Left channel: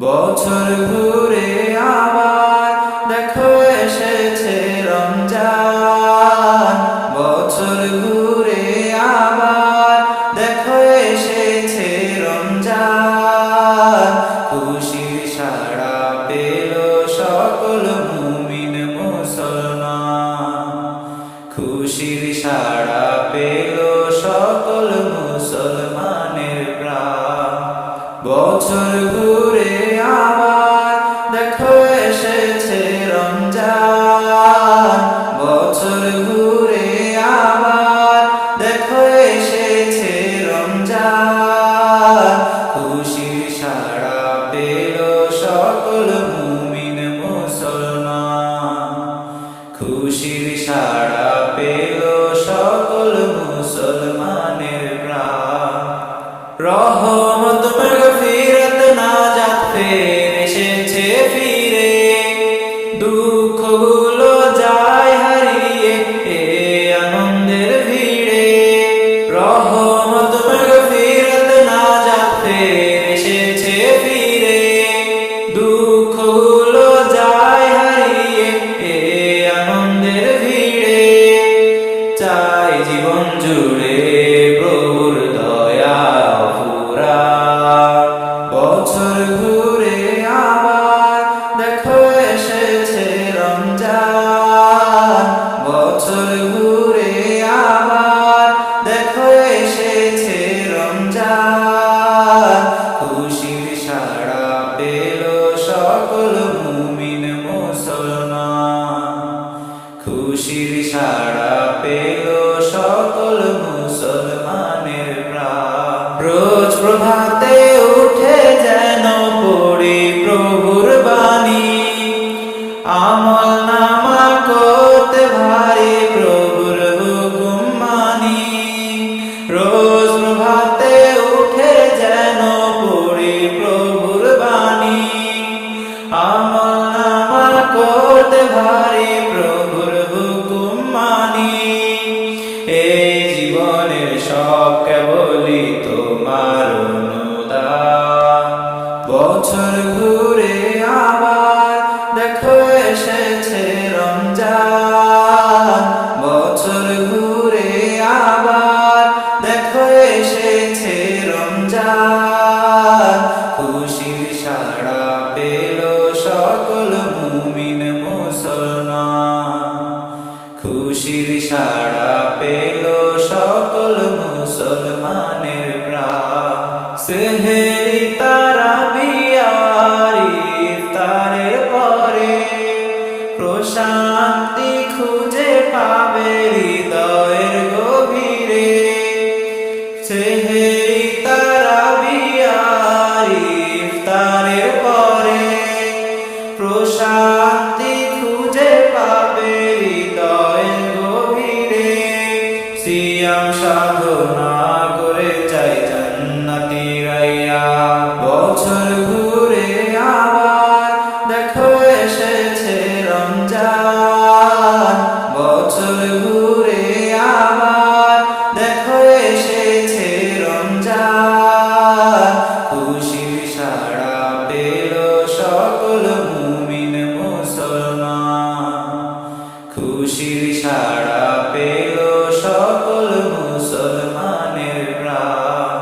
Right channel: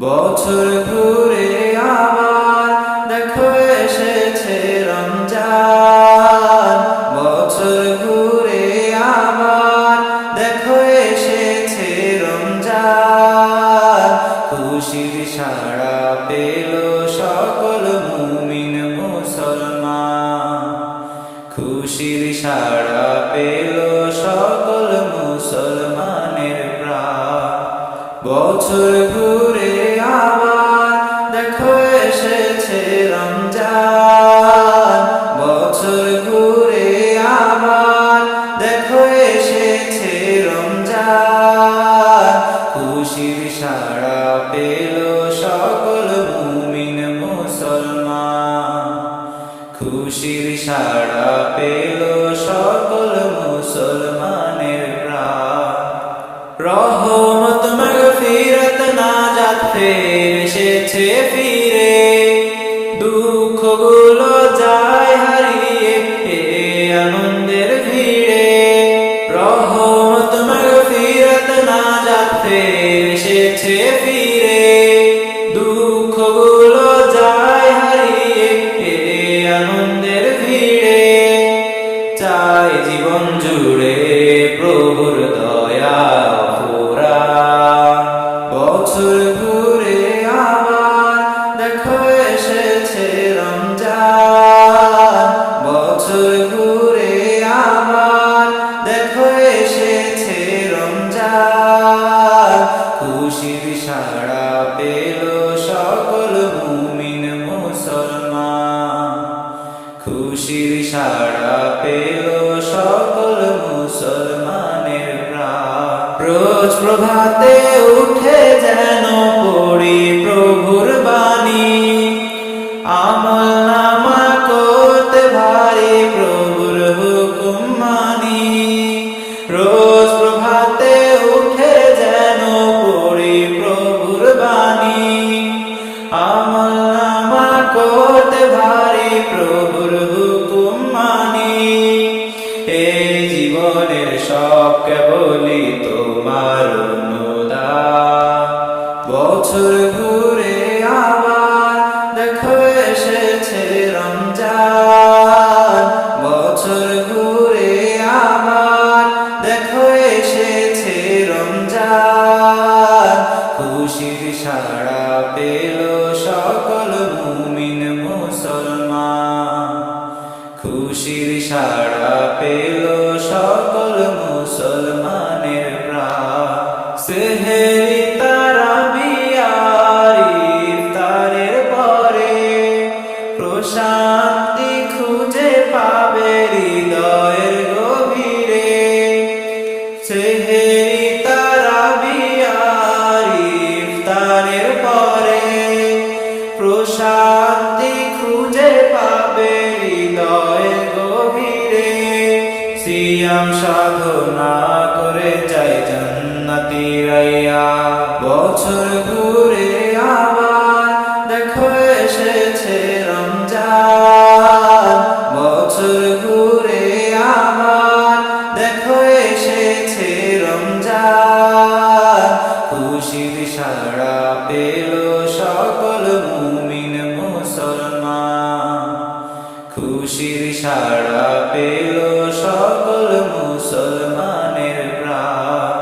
বছর ঘুরে আবার দেখো এসেছে রমজান। বছর ঘুরে আবার দেখো এসেছে রমজান। খুশির সাড়া পেল সকল মুমিন মুসলমান। খুশির সাড়া পেল সকল মুসলমানের প্রাণ। বছর ঘুরে আবার দেখো এসেছে রমজান। বছর ঘুরে আবার দেখো এসেছে রমজান। খুশির সাড়া পেল সকল মুমিন মুসলমান। খুশির সাড়া পেল সকল মুসলমানের প্রাণ। রহমত মাগফিরাত নাজাত ফের এসেছে ফিরে। দুঃখগুলো যায় হারিয়ে এ আনন্দের ভিড়ে। রহমত মাগফিরাত নাজাত ফের এসেছে ফিরে। দুঃখগুলো যায় হারিয়ে এ আনন্দের ভিড়ে। চাই জীবন জুড়ে প্রভুর দয়া অফুরান। বছর ঘুরে আবার দেখো এসেছে রমজান। বছর ঘুরে আবার দেখো এসেছে রমজান। খুশির সাড়া পেল সকল মুমিন মুসলমান। খুশির সাড়া পেল সকল মুসলমানের প্রাণ। রোজ প্রভাতে উঠে যেন পড়ি প্রভুর বাণী। আমল নামা করতে ভারী প্রভুর হুকুম মানি। রোজ প্রভাতে উঠে যেন পড়ি প্রভুর বাণী। আমল নামা করতে ভারী প্রভুর হুকুম মানি। এই জীবনের সব কেবলই তোমার অনুদান। বছর ঘুরে আবার দেখো এসেছে রমজান। বছর ঘুরে আবার দেখো এসেছে রমজান। খুশির সাড়া পেল সকল মুমিন মুসলমান। খুশির সাড়া পেল সকল মুসলমানের প্রাণ। সেহেরি তারাবি আর ইফতারের পরে প্রশান্তি খুঁজে পাবে হৃদয়ের গভীরে। সেহেরি তারাবি আর ইফতারের পরে প্রশান্তি খুঁজে পাবে হৃদয়ের গভীরে। সিয়াম সাধনা করে চাই জান্নাতি রাইয়া। বছর ঘুরে আবার দেখো এসেছে রমজান। বছর ঘুরে আবার দেখো এসেছে রমজান। খুশির সাড়া পেল সকল মুমিন মুসলমান। খুশির সাড়া পেল সকল মুসলমানের প্রাণ।